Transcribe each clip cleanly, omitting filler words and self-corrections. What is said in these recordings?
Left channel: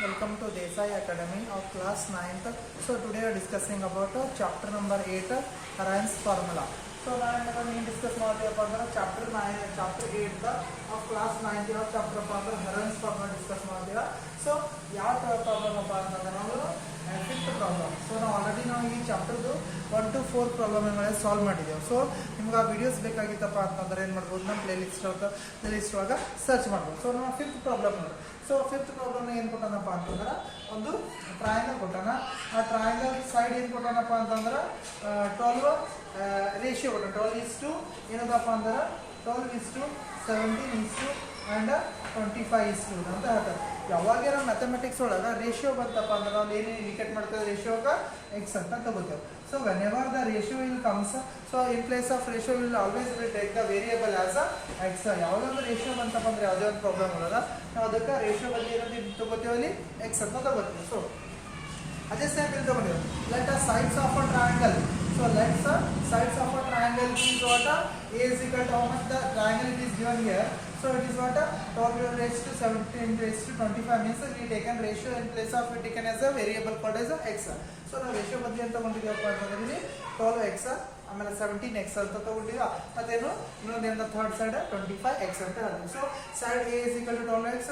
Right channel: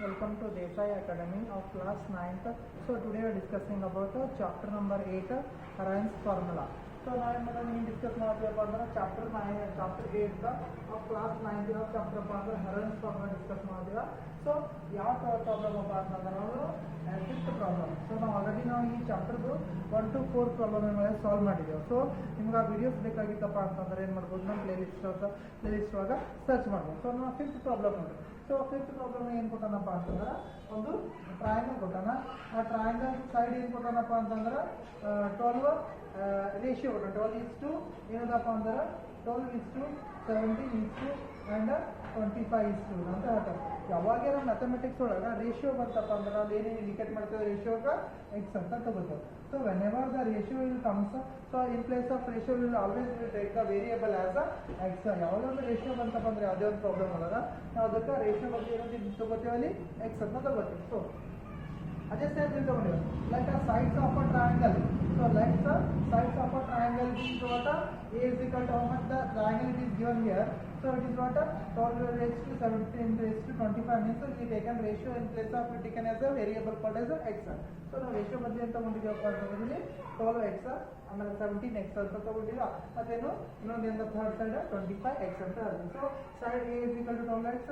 Welcome to Desai Academy of class 9th. So today we are discussing about chapter number 8, Arrhenius formula. So now we discuss about chapter 8 of class 9th of chapter Arrhenius formula discuss ಮಾಡ್ತೀರಾ. So ಯಾವ problem ಅಪ್ಪ ಅಂತಂದ್ರೆ ನಾವು fifth problem. So ನಾವು already ನಾವು ಈ ಚಾಪ್ಟರ್ದು 1 to 4 problem solve ಮಾಡಿದ್ದೇವೆ. So ನಿಮ್ಗೆ ಆ ವಿಡಿಯೋಸ್ ಬೇಕಾಗಿತ್ತಪ್ಪ ಅಂತಂದ್ರೆ ಏನು ಮಾಡ್ಬೋದು, ನಮ್ಮ ಪ್ಲೇ ಲಿಸ್ಟ್ ಒಳಗೆ ಸರ್ಚ್ ಮಾಡ್ಬೋದು. ಸೊ ನಾವು ಫಿಫ್ತ್ ಪ್ರಾಬ್ಲಮ್ ನೋಡಿ. ಸೊ ಫಿಫ್ತ್ ಪ್ರಾಬ್ಲಮ್ ಏನು ಕೊಟ್ಟಾನಪ್ಪ ಅಂತಂದ್ರೆ ಒಂದು ಟ್ರಯಾಂಗಲ್ ಕೊಟ್ಟಾನ. ಆ ಟ್ರಯಾಂಗಲ್ ಸೈಡ್ ಏನು ಕೊಟ್ಟಾನಪ್ಪ ಅಂತಂದ್ರೆ 12 ರೇಷಿಯೋ ಕೊಟ್ಟ. 12:, ಏನದಪ್ಪ ಅಂದ್ರೆ 12:17 ಆ್ಯಂಡ್ 25:2 ಅಂತ ಹೇಳ್ತಾರೆ. ಯಾವಾಗ ನಾವು ಮ್ಯಾಥಮೆಟಿಕ್ಸ್ ಒಳಗೆ ರೇಷಿಯೋ ಬಂತಪ್ಪ ಅಂದ್ರೆ ನಾವು ಏನು ಇಂಡಿಕೇಟ್ ಮಾಡ್ತೇವೆ, ರೇಷಿಯೋಗೆ ಎಕ್ಸ್ ಅಂತ ತಗೋತೇವೆ. So whenever the ratio will comes, so in place of ratio will always will take the variable as a X. ಯಾವುದೊಂದು ರೇಷಿಯೋ ಬಂತಪ್ಪ ಅಂದ್ರೆ ಯಾವುದೇ ಒಂದು ಪ್ರಾಬ್ಲಮ್ ಇರೋದ ನಾವು ಅದಕ್ಕೆ ರೇಷಿಯೋ ಬದಲಿ ಏನಾದ್ರು ತಗೋತೀವಿ, ಅಲ್ಲಿ ಎಕ್ಸ್ ಅಂತ ತಗೋತೀವಿ. ಸೊ ಅದೇ ಸ್ಟೆಪ್ ಇಲ್ಲಿ ತಗೊಂಡಿರೋ let a sides of a triangle. So let's sides of a triangle is what a is equal to how much the triangle is given here. So it is what 12 raised to 17 raised to 25 means we taken ratio in place of we taken as a variable called as x. So now ratio ಬದಲಿ ಅಂತ ತಗೊಂಡಿದ್ದೀವಿ ಅಂತಂದ್ರೆ 12x ಆಮೇಲೆ 17x ಅಂತ ತಗೊಂಡಿದ್ದೀವಿ. ಮತ್ತೇನು ಇನ್ನೊಂದೇನು third side 25x ಅಂತ ಹೇಳಿದ್ವಿ. So side a is equal to 12x,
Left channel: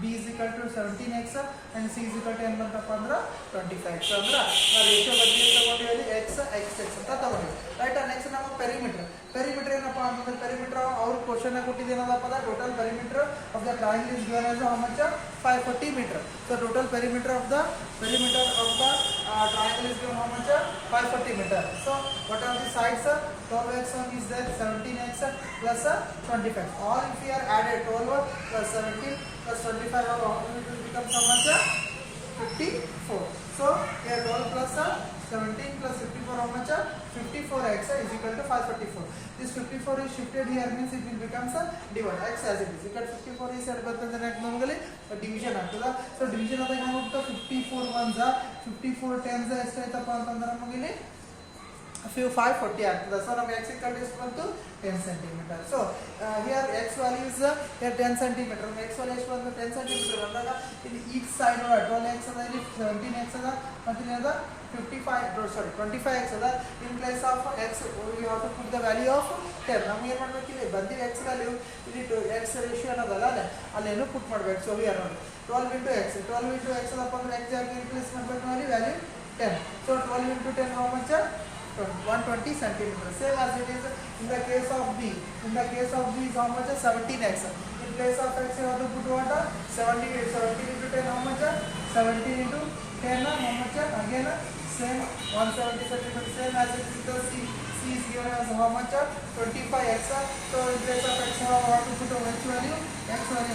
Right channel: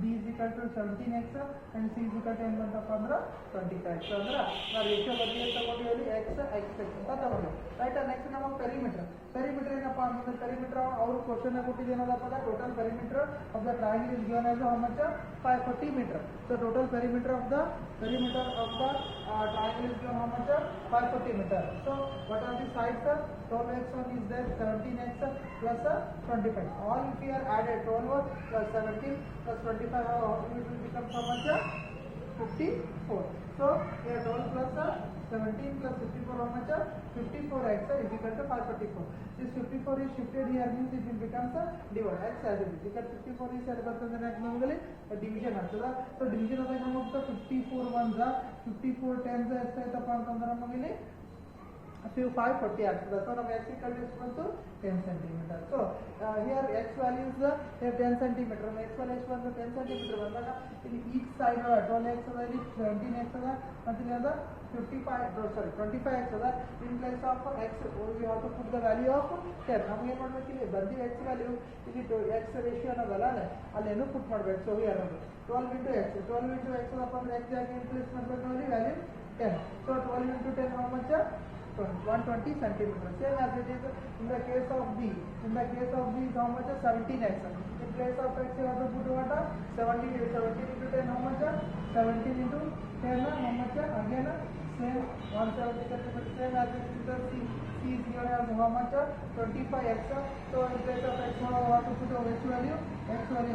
b is equal to 17x and c is equal to ಏನು ಬಂತಪ್ಪ ಅಂದ್ರೆ 25x. ಅಂದ್ರೆ ಆ ರೇಷಿಯೋ ಬದಲಿ ತಗೊಂಡಿದ್ದೀವಿ x ಅಂತ ತಗೊಂಡಿದ್ದೀವಿ. ರೈಟ್. ನೆಕ್ಸ್ಟ್ ನಾವು ಪೆರಿಮೀಟರ್ ಏನಪ್ಪ ಅಂತಂದ್ರೆ ಪೆರಿಮೀಟರ್ ಅವ್ರ ಕ್ವಶನ್ ಕೊಟ್ಟಿದ್ದು ಏನದಪ್ಪ ಅಂದ್ರೆ total perimeter of the triangle is given as how much 540 meter. So total perimeter of the triangle is given how much 540 meter. So what are the sides? 12x is there, 17x plus 25. All if we are added 12 plus 17 plus 25 it will become how much 54. So here 12 plus 17 plus 54 how much 54x is equal to 544. This 54 is shifted here means it will become divide x as it is. Because 54 is at the next normally division ಆಗ್ತದ. So division ಆದಾಗ ಏನಾಗುತ್ತೆ 54 1s 54 10s ಎಷ್ಟಾಯ್ತಪ್ಪ ಅಂತಂದ್ರೆ ನಮಗೆ 540 ಆಗ್ತದೆ. So ನಮಗೆ x equal to ಎಷ್ಟು ಬಂತು 10 cm. So here x value is here 10 cm. x value ಎಷ್ಟು ಬಂತು 10 cm ಬಂದಾಗ ಇಲ್ಲಿ each side 12x ಅದ, ಇಲ್ಲಿ 17x ಅದ, ಮತ್ತೆ ಇಲ್ಲಿ ಅದ 25x ಅದ. in place of x you have to put the value of 10. ನಮಗೆ ಏನು ಮಾಡಬೇಕು, ಇಲ್ಲಿ ಬಂದಿರೋ x ವ್ಯಾಲ್ಯೂ ಇಲ್ಲಿ x ರೇಷಿಯೋ ಅನ್ನೋದಲ್ಲ ಅಲ್ಲೇನು ಪುಟ್ ಮಾಡಬೇಕು. ಸೊ ವಿ ಆರ್ ನೋಡಿ 12 into x ಅದಪ್ಪ ಅಂದ್ರೆ x ಜಾಗ ರಿಪ್ಲೇಸ್ ಮಾಡಬೇಕು ಅಲ್ಲಿ value 10. So 12 into 10 how much 120 centimeter. Same as it is in the case of b. In the case of b is how much 17x. In place of x you have to put what 17 into 10 how much 17 into 10 how much again same 170 centimeter. Same as it is the c is given as how much 25x. So in place of x how to put a x value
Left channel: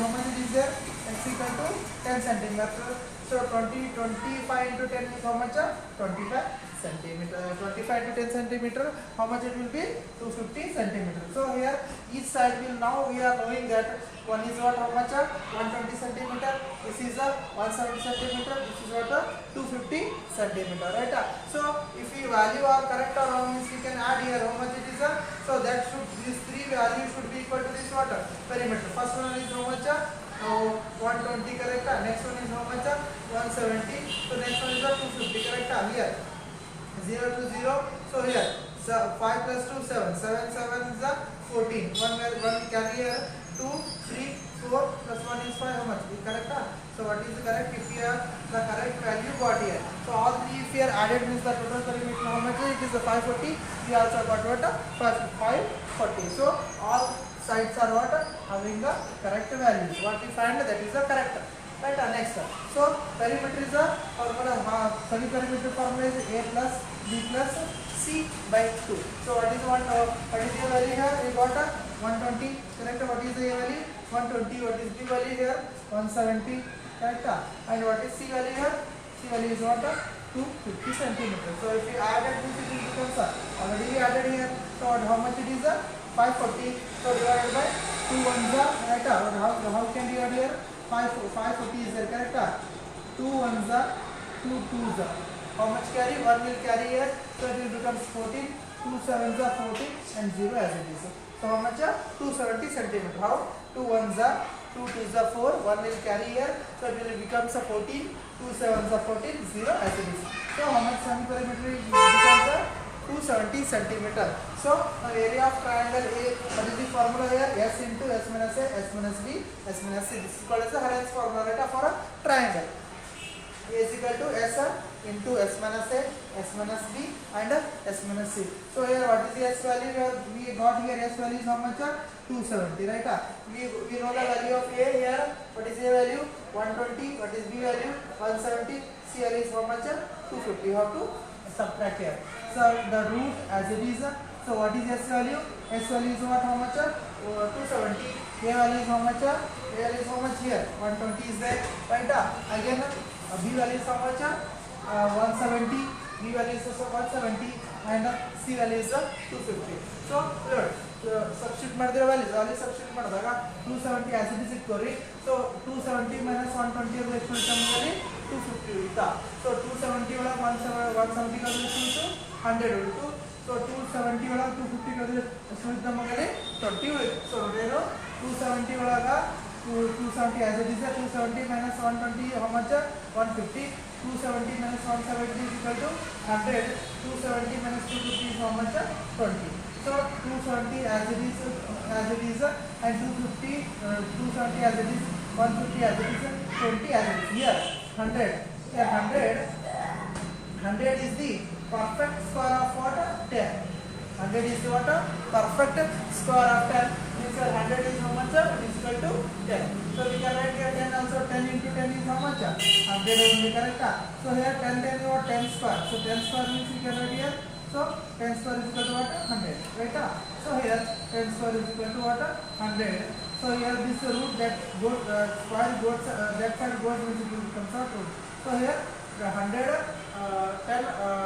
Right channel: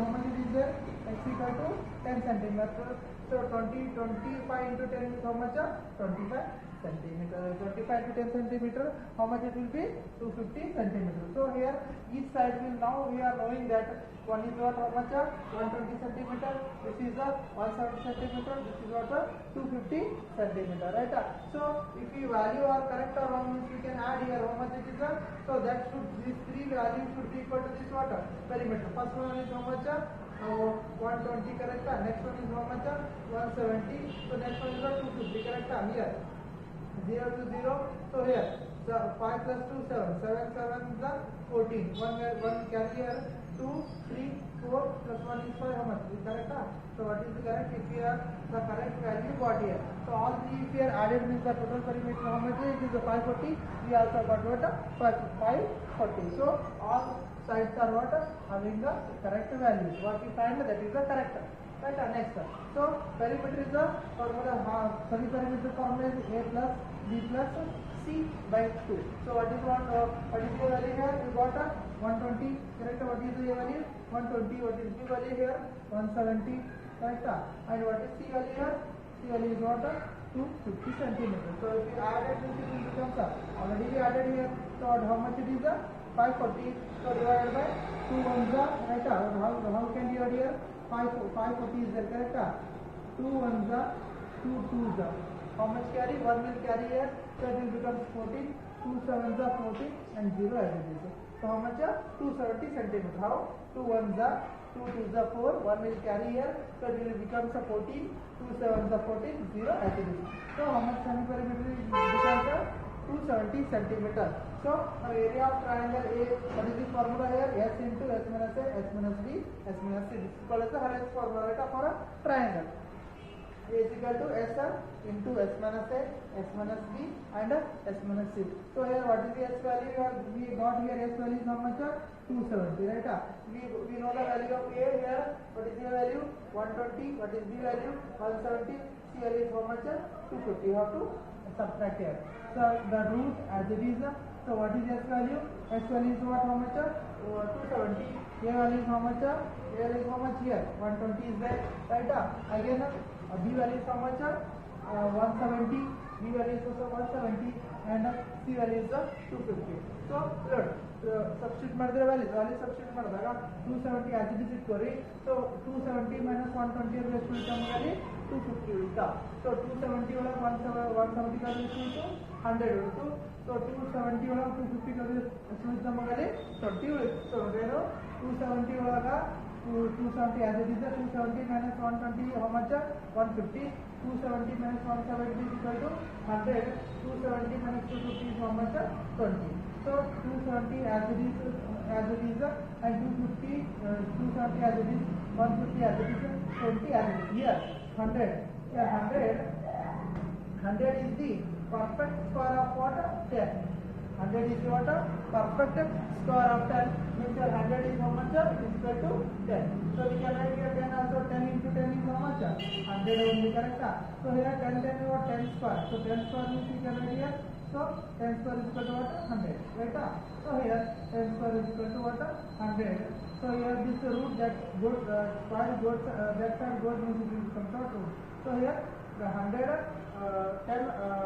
how much it is there, x equal to 10 centimeter. So 25 into 10 is how much 25 centimeter. 25 to 10 centimeter how much it will be 250 centimeter. So here each side will now we are knowing that one is what how much 120 centimeter, this is a 170 centimeter, this is what 250 centimeter, right? So if we value are correct or wrong means we can add here how much it is so that should these three values should be equal to this what perimeter. First one is how much 120 correct, next one is how much 170, so next one is 250 correct. Here 0 to 0. So here 5 plus 2 7 is 14. One carry here 2 3 4 plus 1 is 5. How much is correct? So what is the correct? If we have the correct value got here, so all three if we are added means the total perimeter how much it is 540. We also got what 540. So all sides are what having the correct values. What we find that is the correct. Right. Next, so perimeter is a formula. Sorry, perimeter formula is a plus b plus c by 2. So what is the value here? We got 120 correct. What is the value 120? What is the value here 170 correct. And what is c value here? C value is what 250 centimeter. So if you added this it will become already we added here. So how much it is 540. So divided by 2 ones right. How can you add here 540 is there correct. 2 ones 2 twos. How much carry? 1 will carry here, so it will become 14. 2 sevens are 14 and 0 as it is. So how much 270 centimeter. How 2 ones 2 2s are 4, 1 will carry here, so it will become 14, 2 7s are 14, 0 as it is. So how much semi perimeter becomes 270 centimeter. So area of triangle A, what is the formula here? S into S minus A, S minus B, S minus C. This is called as the Hurren's formula for a triangle. A is equal to S into S minus A, S minus B and S minus C. So here what is the S value? We got here S value is how much? 270, right? We know the value of A here. What is A value? 120. What is B value? 170. C value is how much? 250. You have to subtract here. So the root as it is. So what is S value? S value is what? How much? 270. A value is how much? A value is how much here? 120 is there, right? Again, B value is how much? 170. B value is also 170 and C value is 250. So substitute ಮಾಡಿದ್ರೆ values ಅಲ್ಲಿ substitute ಮಾಡಿದಾಗ 270 as it is ಇಟ್ಕೋರಿ. So 270 minus 120 ಅದು ಎಷ್ಟು ಉಳಿತಾ ನಮಗೆ? 250 ಉಳಿತಾ. So 270 ಒಳಗೆ 170 ಕಳೆದ್ರೆ ಎಷ್ಟು 100 ಉಳಿತು. So 270 ಒಳಗೆ 250 ಕಳೆದ್ರೆ ಎಷ್ಟು ಉಳಿತು ನಮಗೆ? 20 ಉಳಿತು. So ನೋಡೇನು 270 ಒಳಗೆ 270 as it is 270 minus 120 how much? 150. 270 minus 170 is equal to 100. 270 minus 250 is how much? 20. So 270 as it is and 250 270 as it is, 150 as it is, 20 as it is. Here 100. Here 100 is the perfect square of what? 10. 100 is the what? Perfect square of 10. Means 100 is how much? It is equal to 10. So we can write here 10 also. 10 into 10 is how much? 100 only, correct? So here 10 is what? 10 square. So 10 square means we can write here. So 10 square is equal to what? 100, right? So here 10 square is equal to what? 100. So here this root that goes square goes that side goes means it becomes out root. So here 100 10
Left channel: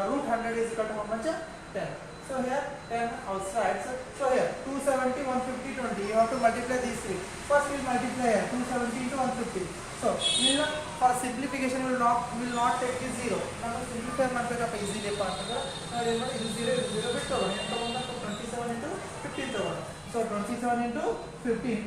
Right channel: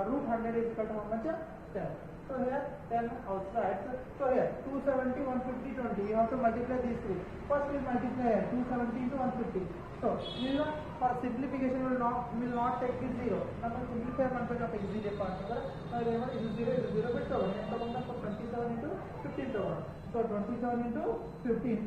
root 100 is equal to how much? 10. So here 10 outside. So here 270, 150, 20. You have to multiply these three. First we will multiply here 270 into 150. So for simplification we will not take this 0. Now simplify ಮಾಡಬೇಕಪ್ಪ easily ಪ ಅಂತಂದ್ರೆ ನಾವು ಏನು ಮಾಡಿ ಇದು 0 ಬಿಟ್ಟು ತಗೊಳ್ಳಿ. ಏನು ತಗೊಂಡ 27 into 15 ತಗೊಳ್ಳಿ. So 27 into 15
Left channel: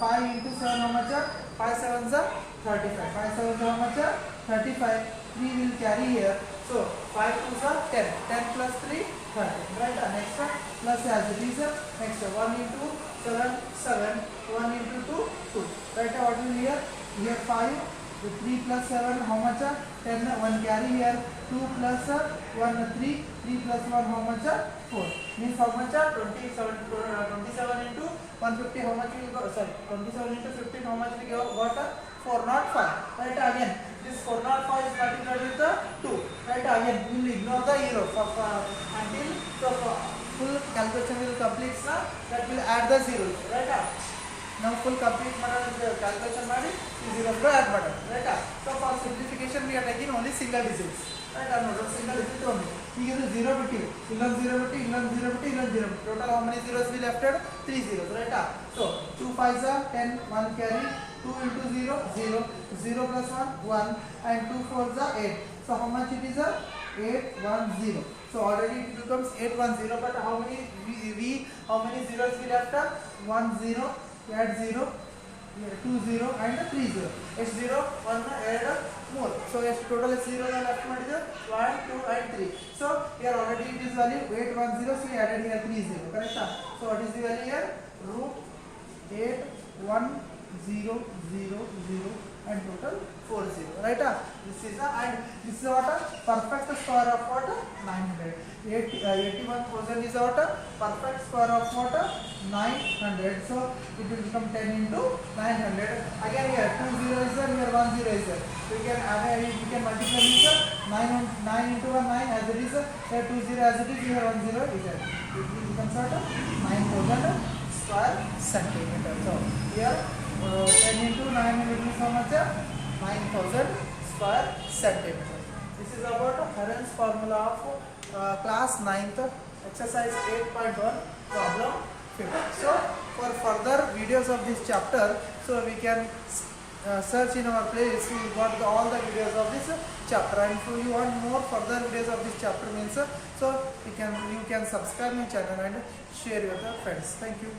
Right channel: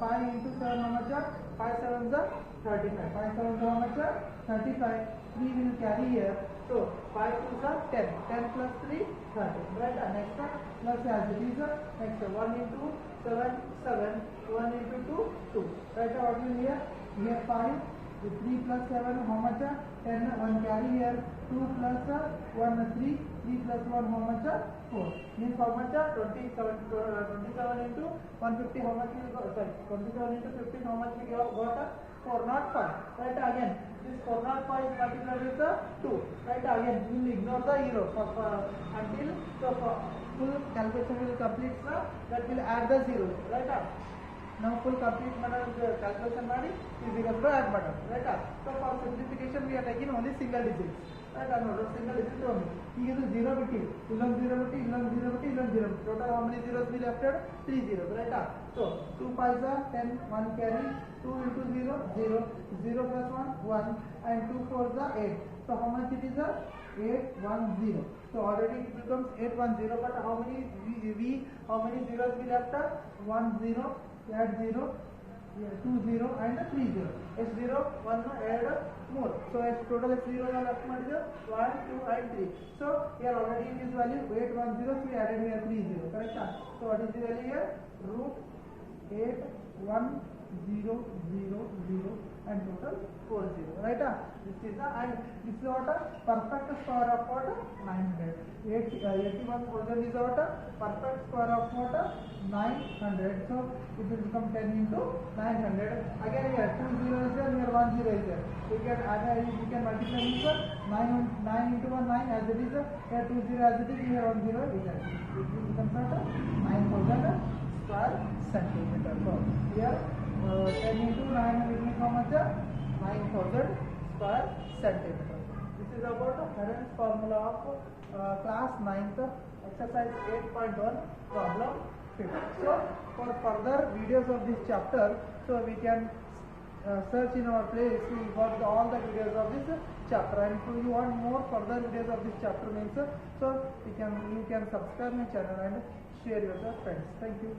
5 into 7 how much? 5 7s are 35. 5 7s how much? 35. 3 will carry here. So 5 2s are 10. 10 plus 3 30. Right? Next one plus as it is. Next 1 into 7 7. 1 into 2 2. Right? What will here? Here 5. 3 plus 7 how much? 10. 1 carry here. 2 plus 1 3. 3 plus 1 how much? 4. Means how much? 27 into 150 how much will go? Sorry, 27 into 15 how much we got? 405. Right? Again this 405 is multiplied with 2. Right? Again we will ignore the zero until full calculation will complete. That will add the zeros. Right? Now full complete calculation ಮಾಡಿ ಈ zeros add ಮಾಡೋಣ. Right? So for simplification we are taking only single digits. Right? No, single digit only. ಈಗ ಇದು 0 ಬಿಟ್ಟು ಇಲ್ಲೊಂದು 0 ಬಿಟ್ಟು ಇಲ್ಲೊಂದು 0 ಬಿಟ್ಟು ಇಲ್ಲೊಂದು 0 ಬಿಟ್ಟು total how many zeros we left? 3 zeros. Right? So 2 5s are 10. 1 carry. 2 into 0 0. 0 plus 1 1 and 2 4s are 8. So how much it is? 810. So already it becomes 810. But how many zeros we left? 1 0. Add 0, 2 0 and 3 0. It's 0, 1 add more. So it's total is 0 left 1, 2 and 3. So here already it is value 810. So we added here 3 0. Correct? So what is the value here? Root 81000 and total 40. Right? This is and this is what? Perfect square of what? 900. 81,000 is what? Perfect square of what? 900. So it will become 10 into 900. Again here 2 0 is there, here 1 0 is there. So you can add we can multiply this 9 into 1 9 as it is. Here 2 0 as it is, here 1 0 is there. It will become what? 9,000 square centimeter. So here 10 into 900 means how much? 9,000 square centimeter. This is about Hurren's formula of class 9th exercise 8.1 problem 50. So for further videos of this chapter, so we can search in our playlist. We got all the videos of this chapter, and if you want more further videos of this chapter means so you can subscribe my channel and share with your friends. Thank you.